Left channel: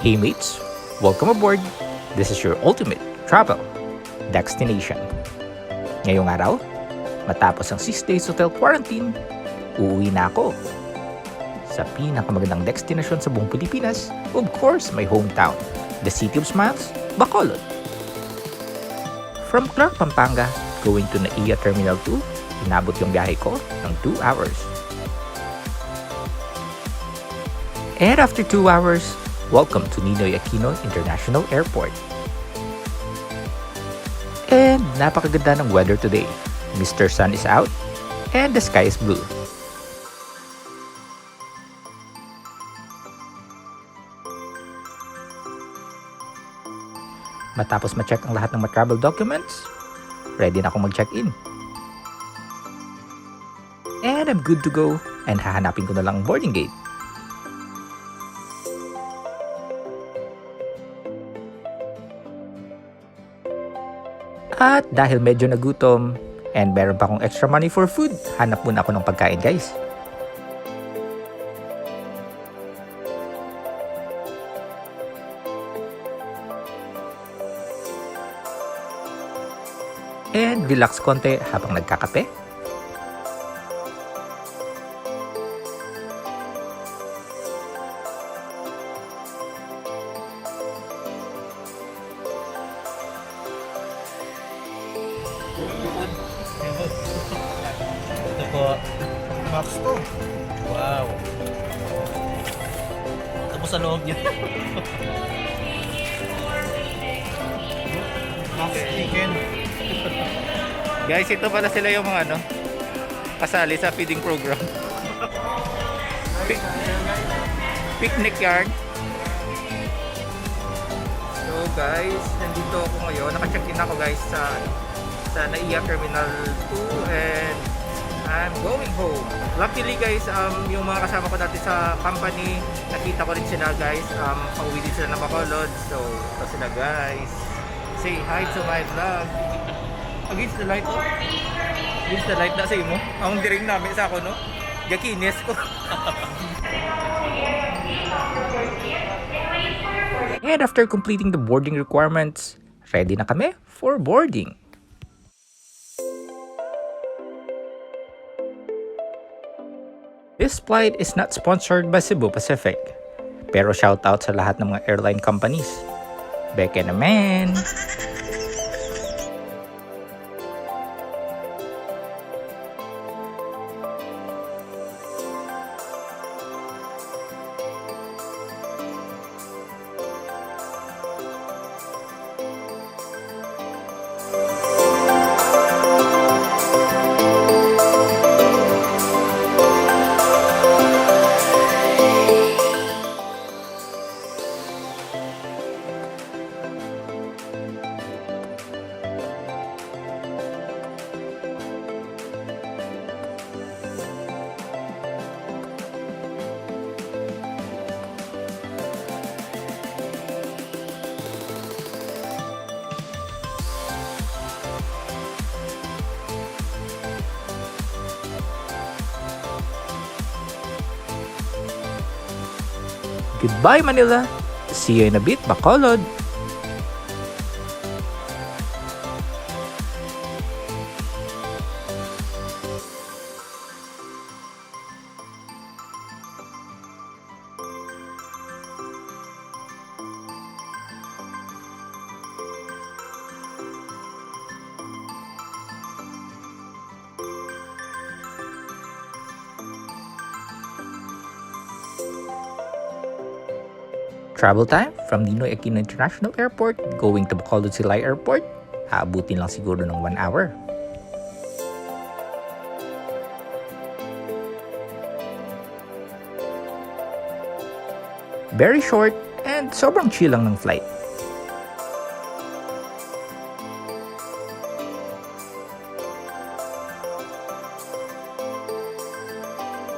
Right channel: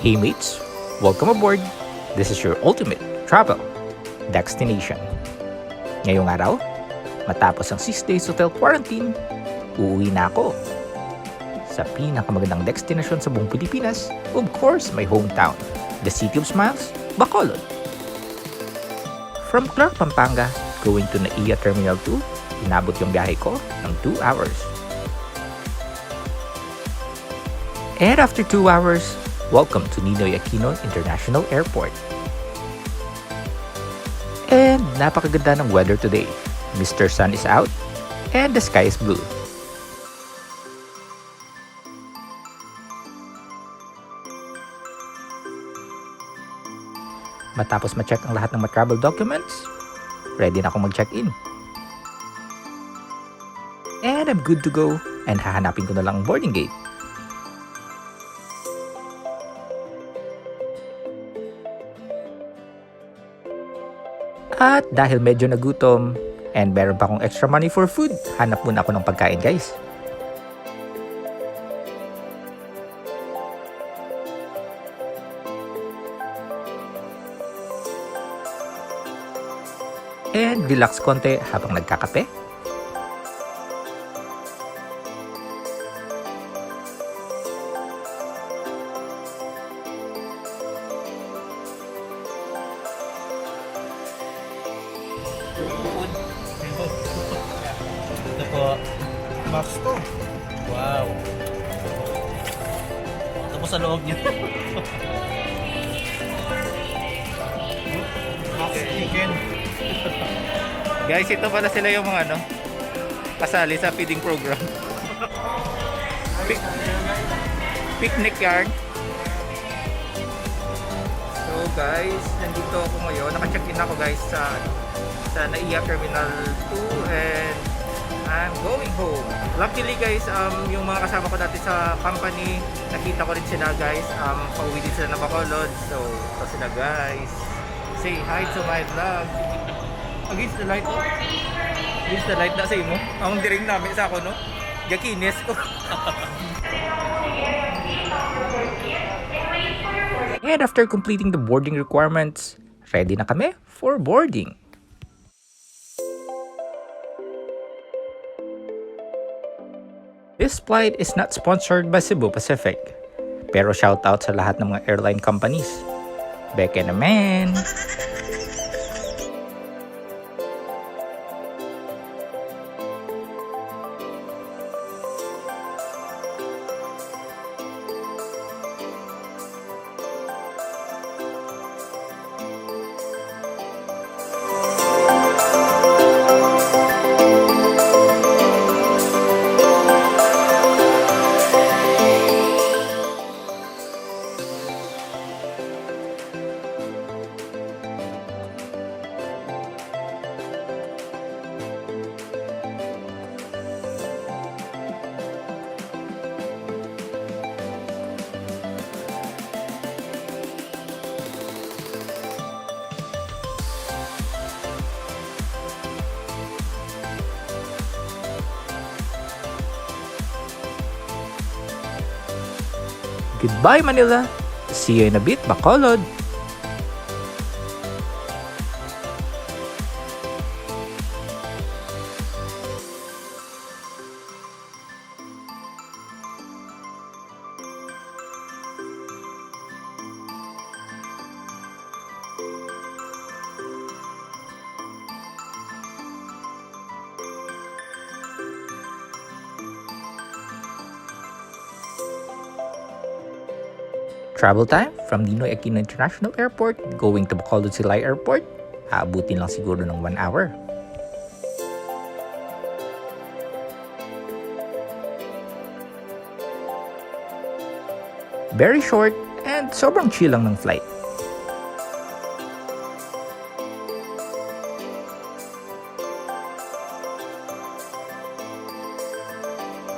Hey mates, welcome aboard. This is your ultimate travel Dextination. Ngayong araw, matapos ang 6 days hotel quarantine, uuwi na ako sa pinakamagandang destination sa buong Pilipinas, of course, my hometown, the City of Smiles, Bacolod. From Clark, Pampanga, going to NAIA Terminal 2, inabot yung biyahe ko ng 2 hours. And after 2 hours, welcome to Ninoy Aquino International Airport. And napakaganda ng weather today. Mr. Sun is out and the sky is blue. Matapos ma-check ang lahat ng mga travel documents, ready na akong mag-check-in. And I'm good to go and hahanapin ko na lang ang boarding gate. At dahil medyo nagutom and meron pa akong extra money for food, hanap muna ako ng pagkain, guys. And relax konti habang nagkakape. Ito po, max ko. Wow. Ito po sa loob niya. Max chicken. Guys, ito pala sila yung mga kasali sa feeding program. Picnic yard. So guys, nandito ako ngayon. Naka-check-in ako guys sa NAIA Terminal 2 and I'm going home. Luckily guys, yung mga kasama ko dati sa company, nakita ko rin sila guys. Pauwi din sila ng Bacolod. So, ito sila guys. Say hi to my vlog. Against the light, oh. Against the light na sa imo. Ang diring namin sa ako, no? Gakines ko. And after completing the boarding requirements, ready na kami for boarding. This flight is not sponsored by Cebu Pacific. Pero shoutout sa lahat ng mga airline companies. Beke naman! Goodbye, Manila. See you in a bit, Bacolod. Travel time from Ninoy Aquino International Airport going to Bacolod City Airport, aabutin lang siguro ng 1 hour. Very short and sobrang chill lang ng flight.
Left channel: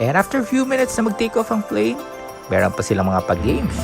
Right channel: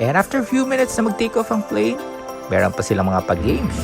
And after a few minutes na mag-take off ang plane, meron pa silang mga pag-games.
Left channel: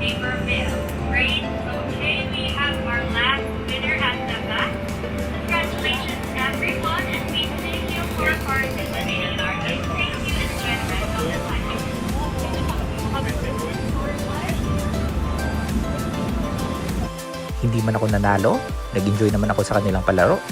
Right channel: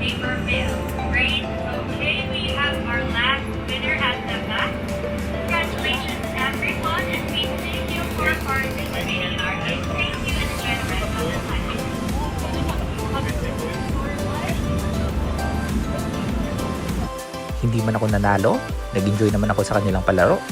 Paper bill. hindi man ako nanalo, nag-enjoy naman ako sa kanilang palaro.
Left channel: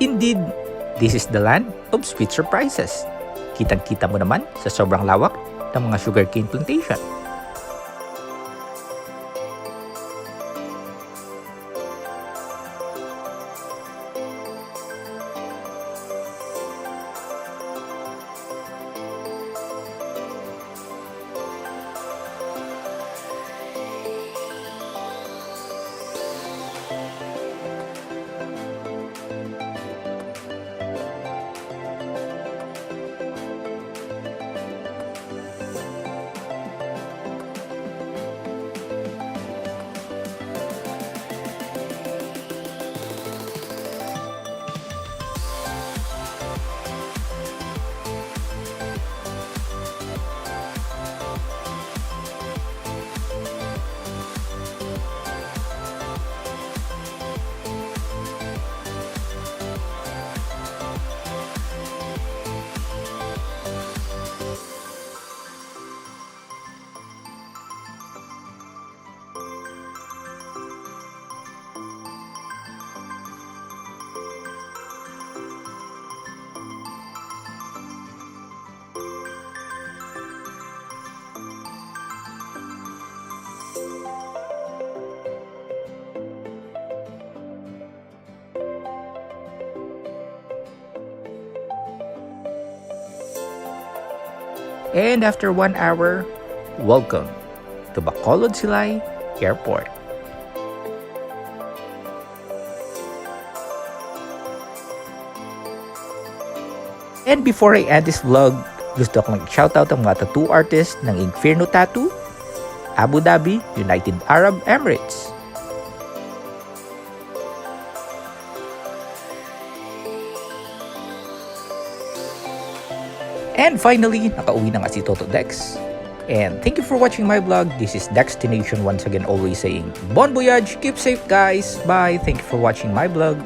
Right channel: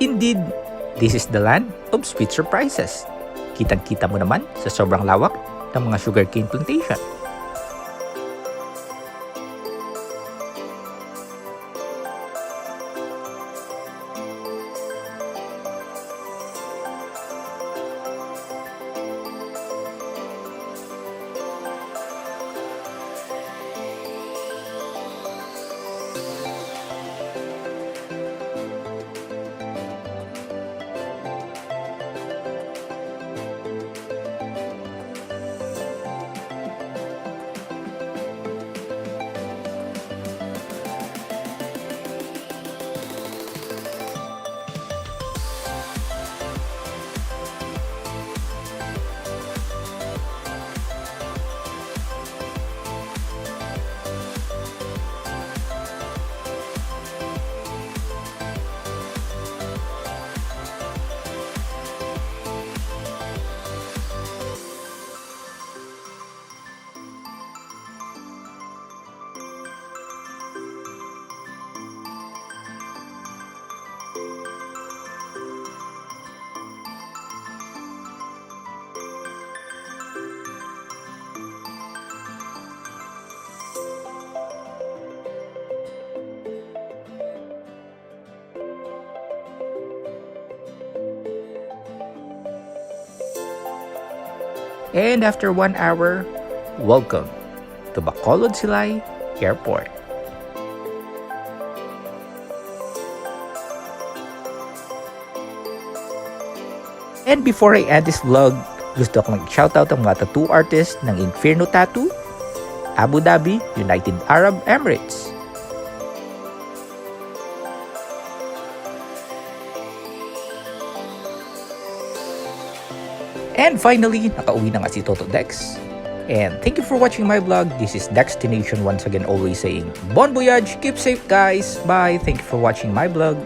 Indeed, this is the land of sweet surprises. Kitang-kita mo naman sa sobrang lawak ng mga sugarcane plantation. And after 1 hour, welcome to Bacolod City Airport. And before I end this vlog, gusto ko mag-shoutout ang mga tattoo artist ng Inferno Tattoo, Abu Dhabi, United Arab Emirates. And finally, nakauwi na nga si Toto Dex. And thank you for watching my vlog. This is Dextination once again always saying, Bon voyage, keep safe guys, bye, thank you for watching my vlog.